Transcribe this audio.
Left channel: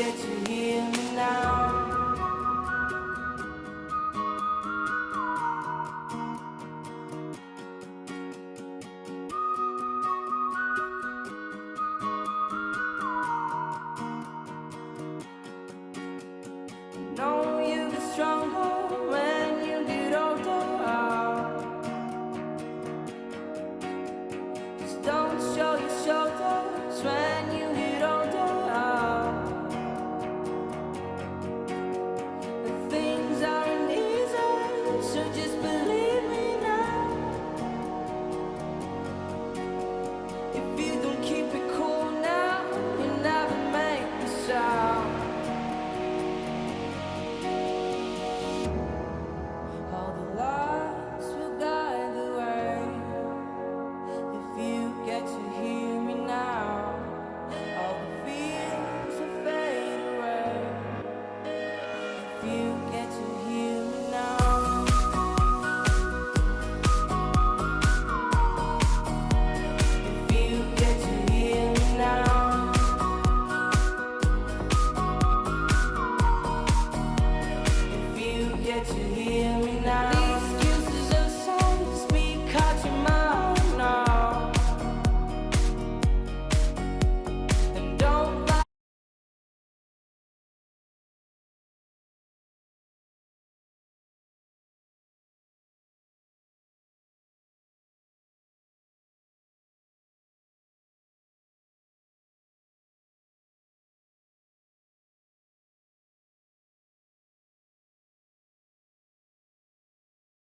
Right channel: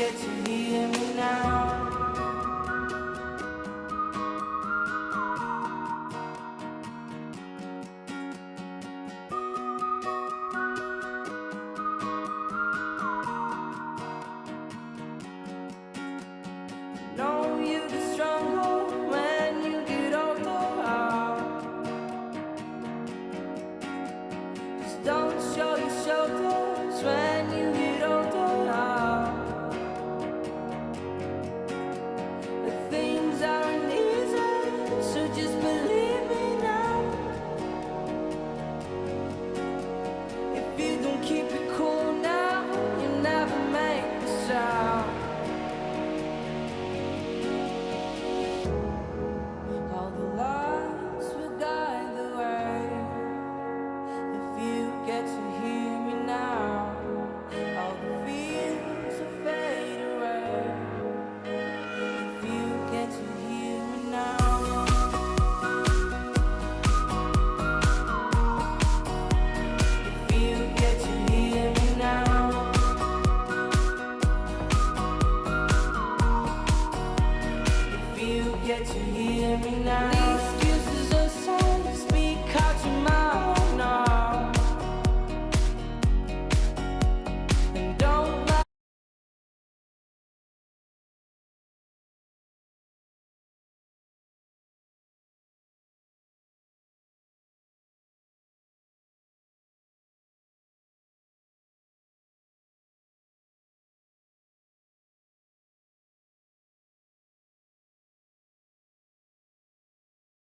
forget to hear me now. Know you get stronger when you get older. Just don't show your shoulders when you get older. Things aren't easy, so just believe me now. If you don't keep it cool now, you never make a sound.